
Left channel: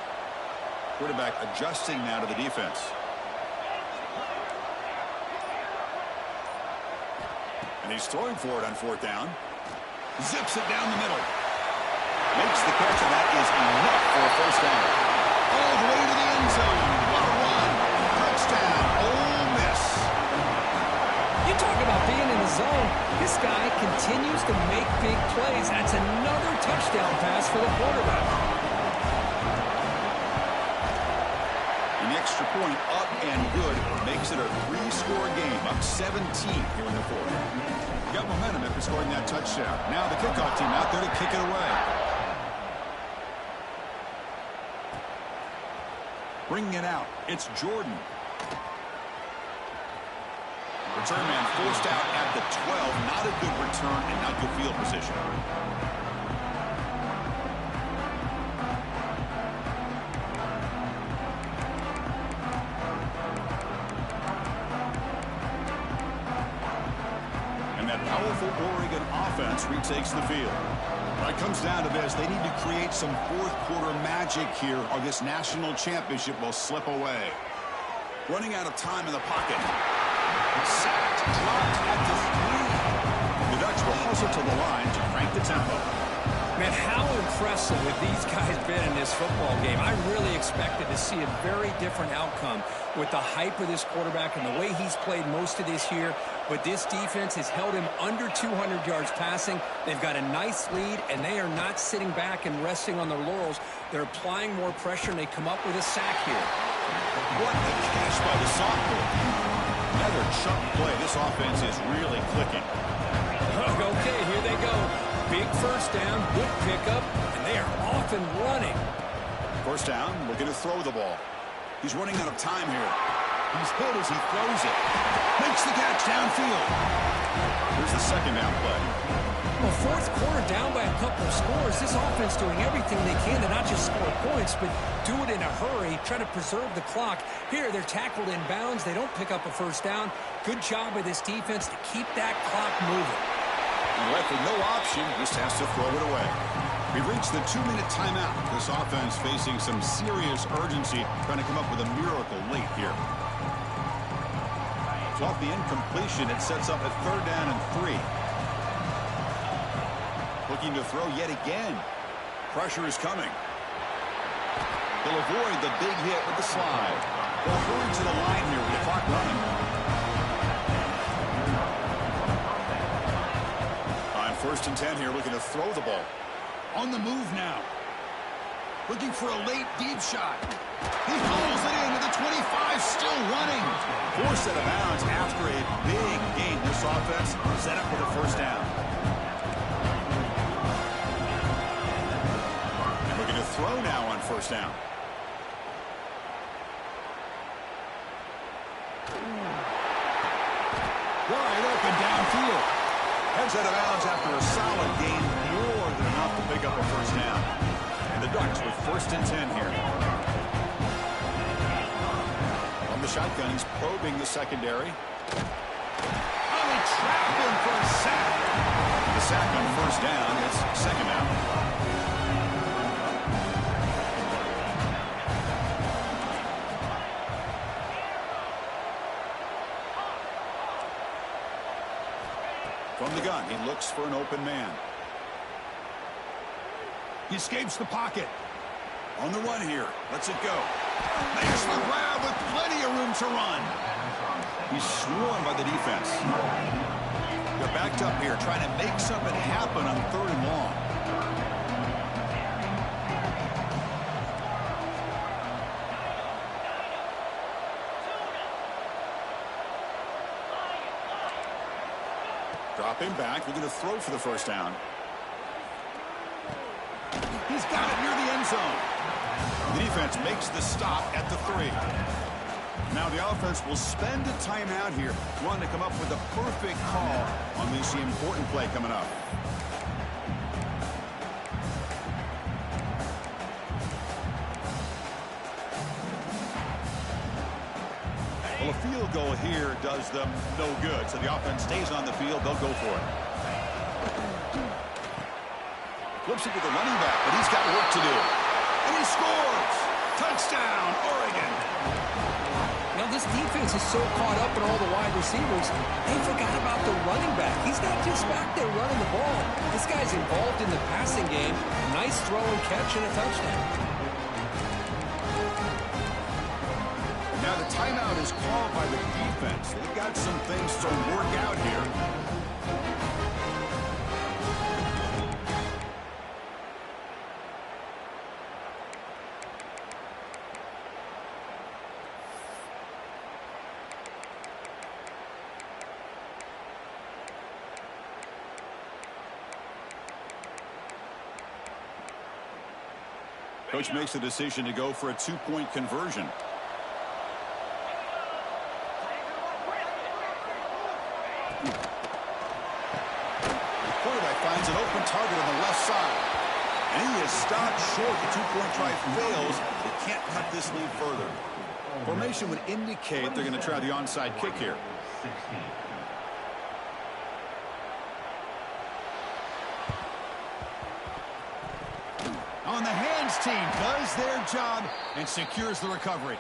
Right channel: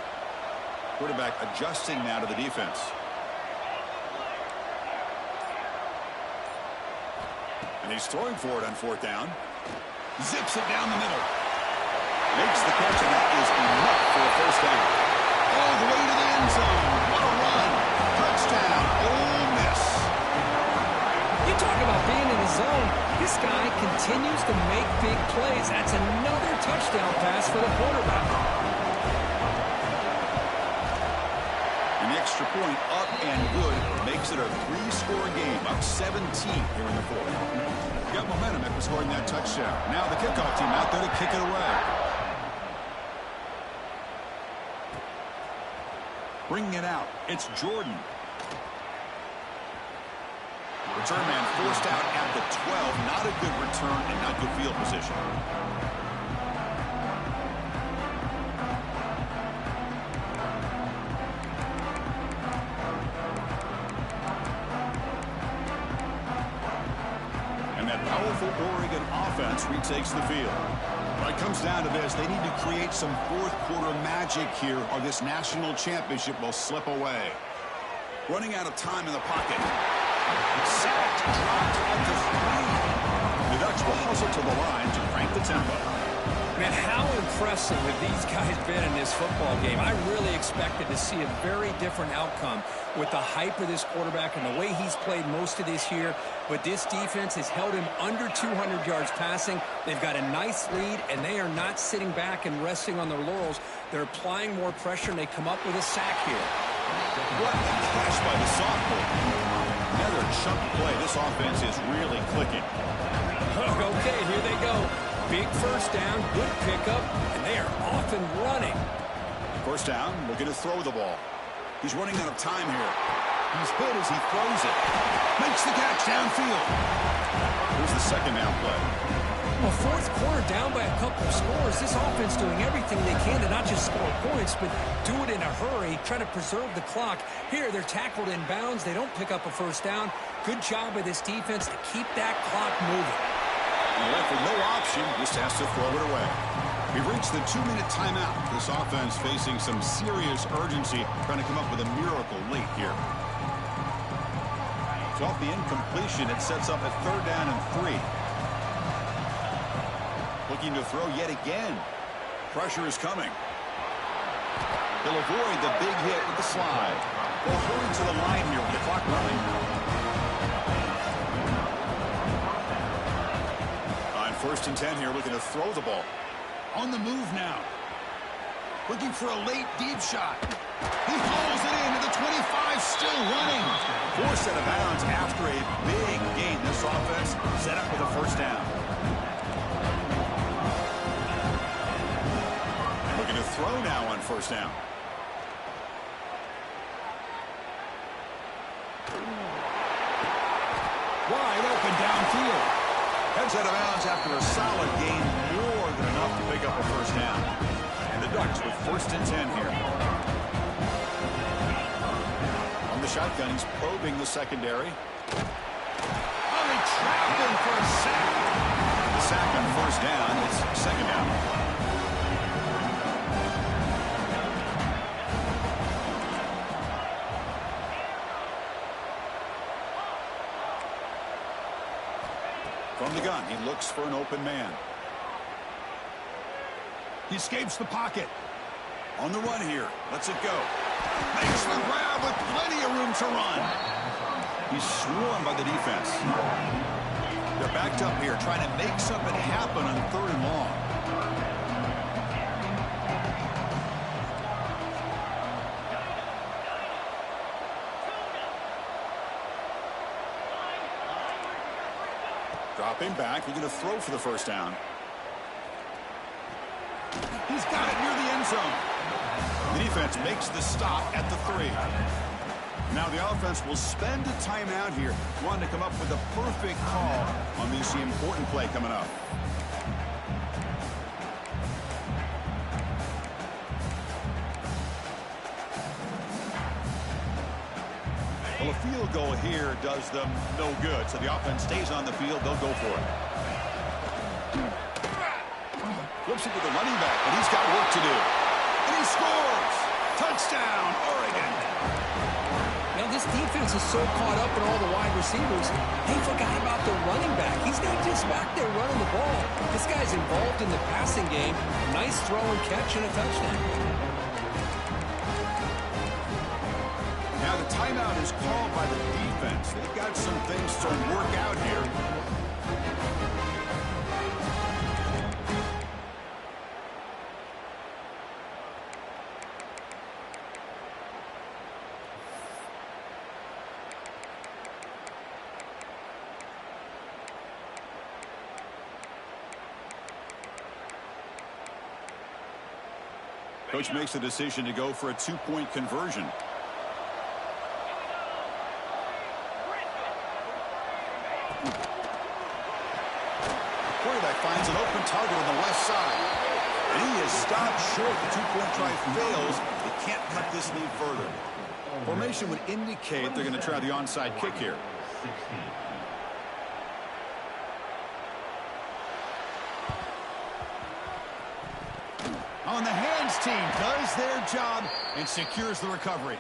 Quarterback adjusting now to the defense. And he's throwing for it on 4th down. Zips it down the middle. Makes the catch, and that is enough for a first down. All the way to the end zone. What a run. Touchdown. Ole Miss. You talk about being in the zone. This guy continues to make big plays. That's another touchdown pass for the quarterback. And the extra point up and good makes it a 3-score game, up 17 here in the 4th. Got momentum after scoring that touchdown. Now the kickoff team out there to kick it away. Bringing it out, it's Jordan. Return man forced out at the 12. Not a good return and not good field position. And that powerful Oregon offense retakes the field. When it comes down to this, they need to create some fourth-quarter magic here, or this national championship will slip away. Running out of time in the pocket. Sacked, dropped at the 3. The Ducks will hustle to the line to crank the tempo. Man, how impressive have these guys been in this football game? I really expected to see a very different outcome with the hype of this quarterback and the way he's played most of this year. But this defense has held him under 200 yards passing. They've got a nice lead, and they are not sitting back and resting on their laurels. They're applying more pressure, and they come up with a sack here. What a catch by the sophomore. Another chunk play. This offense is really clicking. Okay, here they go. Big first down, good pickup, and they are off and running. First down, looking to throw the ball. He's running out of time here. He's hit as he throws it. Makes the catch downfield. Here's the second down play. Well, 4th quarter down by a couple of scores. This offense doing everything they can to not just score points, but do it in a hurry, try to preserve the clock. Here, they're tackled in bounds. They don't pick up a first down. Good job by this defense to keep that clock moving. And left with no option, just has to throw it away. We've reached the 2-minute timeout. This offense facing some serious urgency, trying to come up with a miracle late here. So off the incompletion, it sets up a 3rd down and 3. Looking to throw yet again. Pressure is coming. He'll avoid the big hit with the slide. They'll hurry to the line here with the clock running. On 1st and 10 here, looking to throw the ball. On the move now. Looking for a late deep shot. He hauls it into the 25, still running. Forced out of bounds after a big gain. This offense set up with a first down. And looking to throw now on 1st down. Wide open downfield. Heads out of bounds after a solid gain, more than enough to pick up a first down. And the Ducks with 1st and 10 here. On the shotgun, he's probing the secondary. Oh, they trapped him for a sack. The sack on 1st down, it's 2nd down. From the gun, he looks for an open man. He escapes the pocket. On the run here. Lets it go. Makes the grab with plenty of room to run. He's swarmed by the defense. They're backed up here, trying to make something happen on 3rd and long. Dropping back, looking to throw for the first down. He's got it near the end zone. The defense makes the stop at the 3. Now the offense will spend a timeout here, wanting to come up with a perfect call on this important play coming up. Well, a field goal here does them no good, so the offense stays on the field. They'll go for it. Flips it to the running back, but he's got work to do. And he scores! Touchdown, Oregon! Now, this defense is so caught up in all the wide receivers, they forgot about the running back. He's not just back there running the ball. This guy's involved in the passing game. Nice throw and catch and a touchdown. Now the timeout is called by the defense. They've got some things to work out here. Coach makes a decision to go for a 2-point conversion. Quarterback finds an open target on the left side. And he is stopped short. The 2-point try fails. They can't cut this lead further. Formation would indicate they're going to try the onside kick here. On the hands team does their job and secures the recovery.